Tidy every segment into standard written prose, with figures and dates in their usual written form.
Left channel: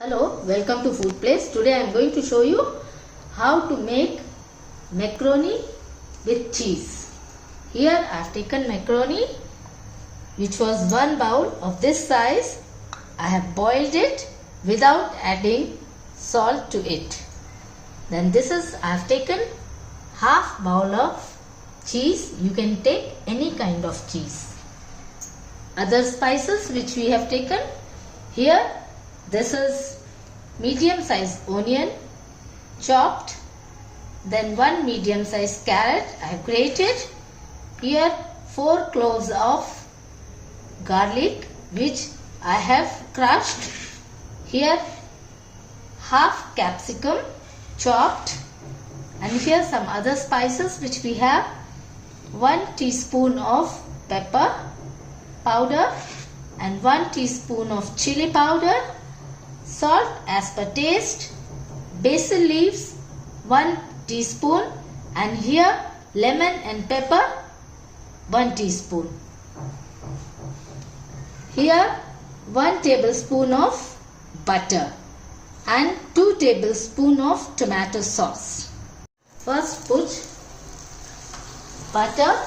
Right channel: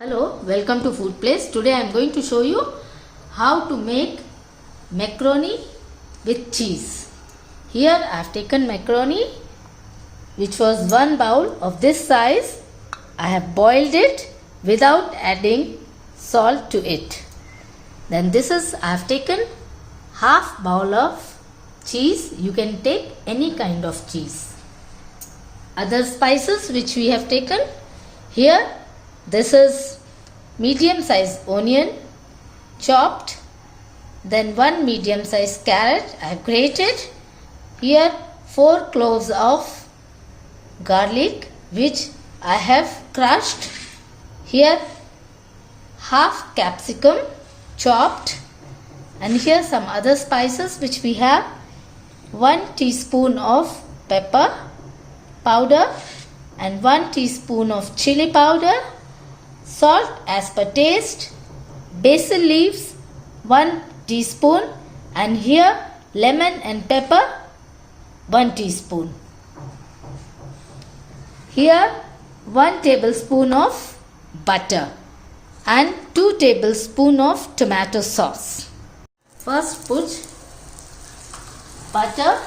Hello, welcome to Food Place. Today I am going to show you how to make macaroni with cheese. Here I have taken macaroni which was one bowl of this size. I have boiled it without adding salt to it. Then I have taken half bowl of cheese. You can take any kind of cheese. Other spices which we have taken here. This is medium size onion chopped, then one medium size carrot I have grated. Here 4 cloves of garlic which I have crushed. Here half capsicum chopped, and here some other spices which we have. 1 teaspoon of pepper powder and 1 teaspoon of chili powder. Salt as per taste, basil leaves 1 teaspoon, and here lemon and pepper 1 teaspoon. Here 1 tablespoon of butter and 2 tablespoon of tomato sauce. First put butter,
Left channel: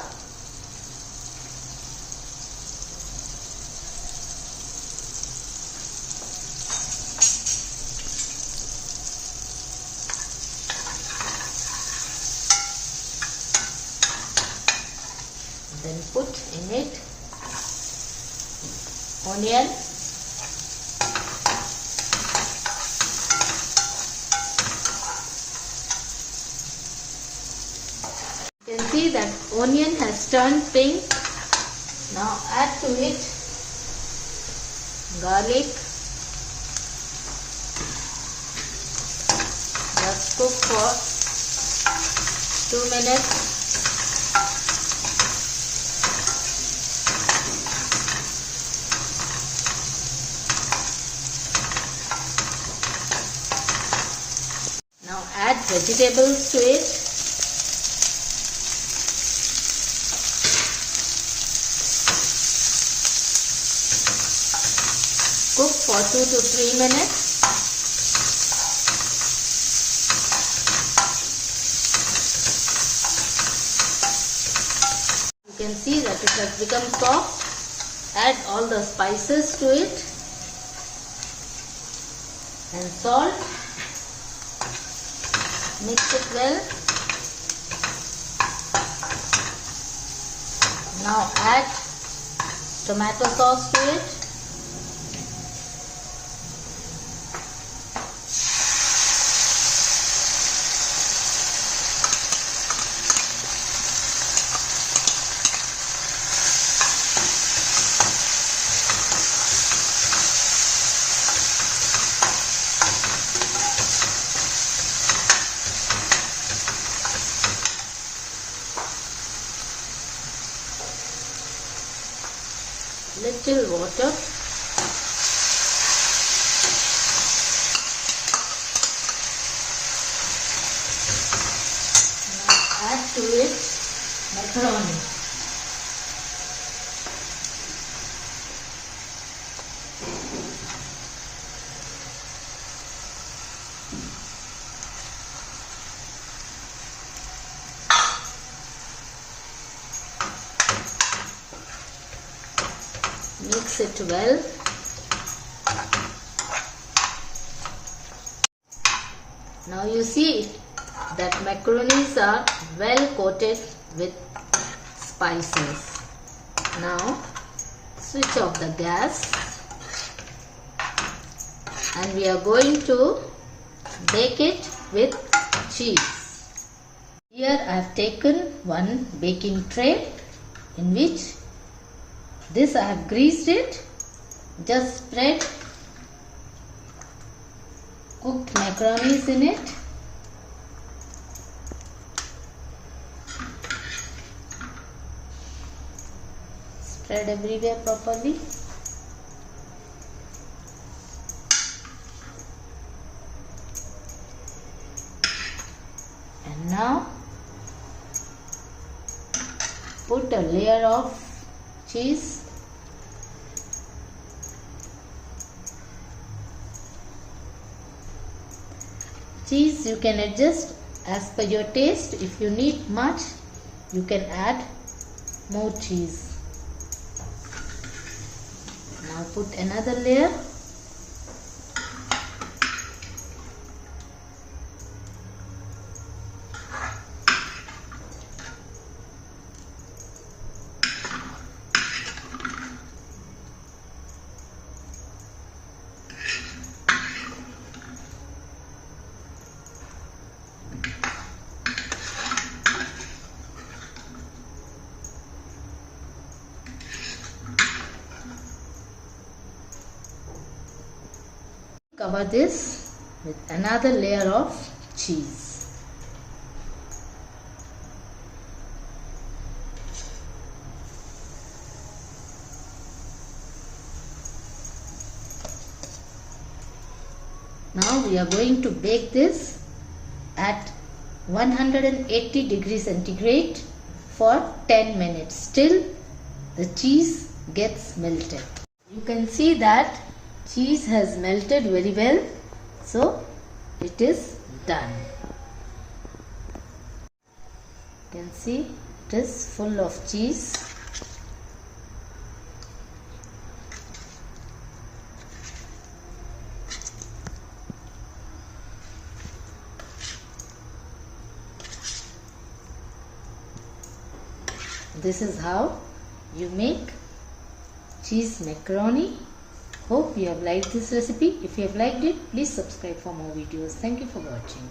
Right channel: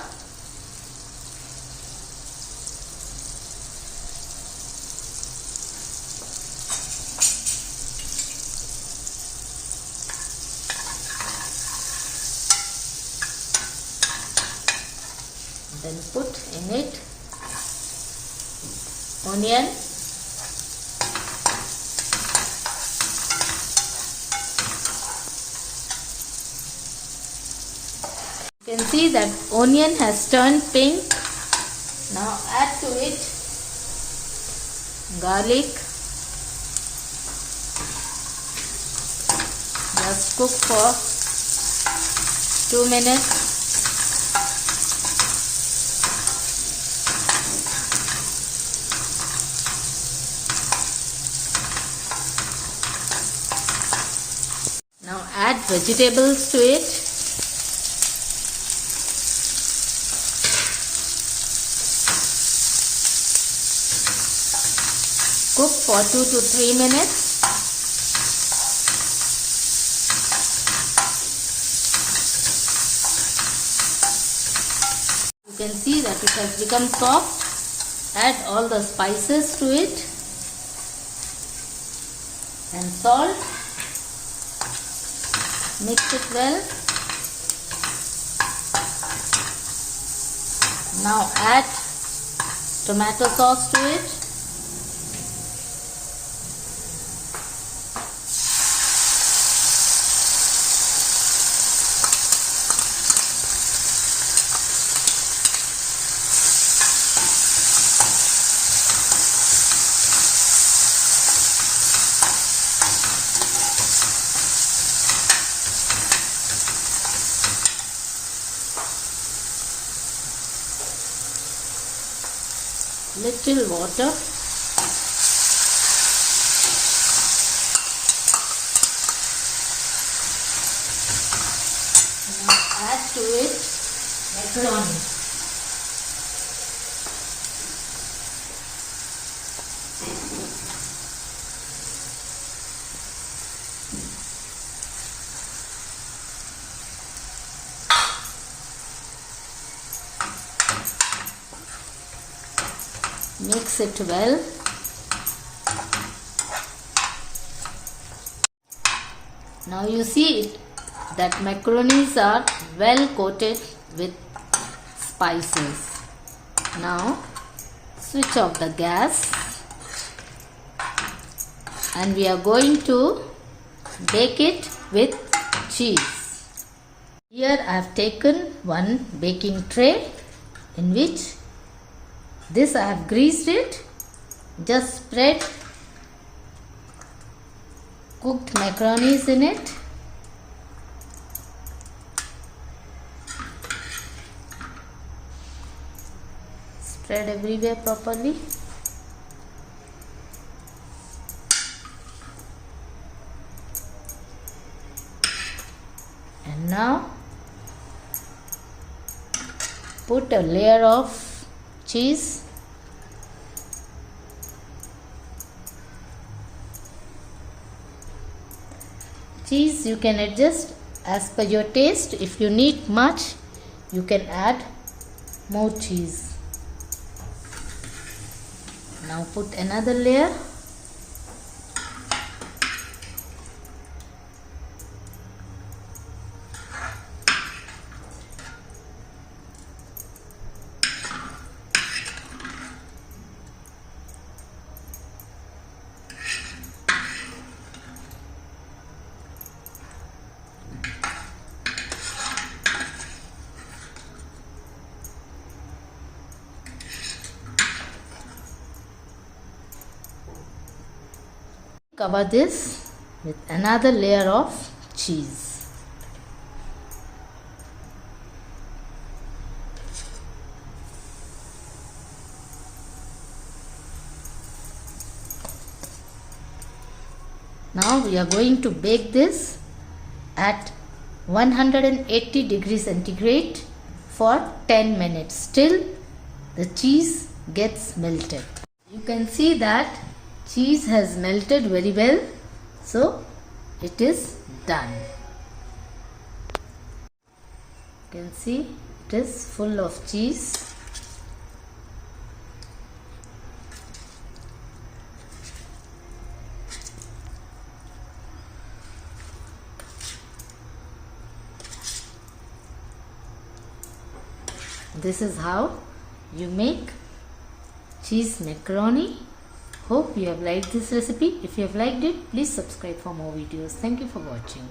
then put in it onion, you can see that onion has turned pink. Now add to it garlic. Just cook for 2 minutes. Add vegetables to it. Cook for 2 to 3 minutes. You can see that it has become soft. Add all the spices to it and salt. Mix it well. Now add tomato sauce to it. Little water. Now add to it macaroni. Mix it well. Now you see that macaronis are well coated with spices. Now switch off the gas and we are going to bake it with cheese. Here I have taken one baking tray in which this I have greased it. Just spread cooked macaronis in it. Spread everywhere properly. And now put a layer of cheese. Cheese you can adjust as per your taste. If you need much, you can add more cheese. Now put another layer. Cover this with another layer of cheese. Now we are going to bake this at 180 degrees centigrade for 10 minutes till the cheese gets melted. You can see that cheese has melted very well, so it is done. You can see it is full of cheese. This is how you make cheese macaroni. Hope you have liked this recipe. If you have liked it, please subscribe for more videos. Thank you for watching.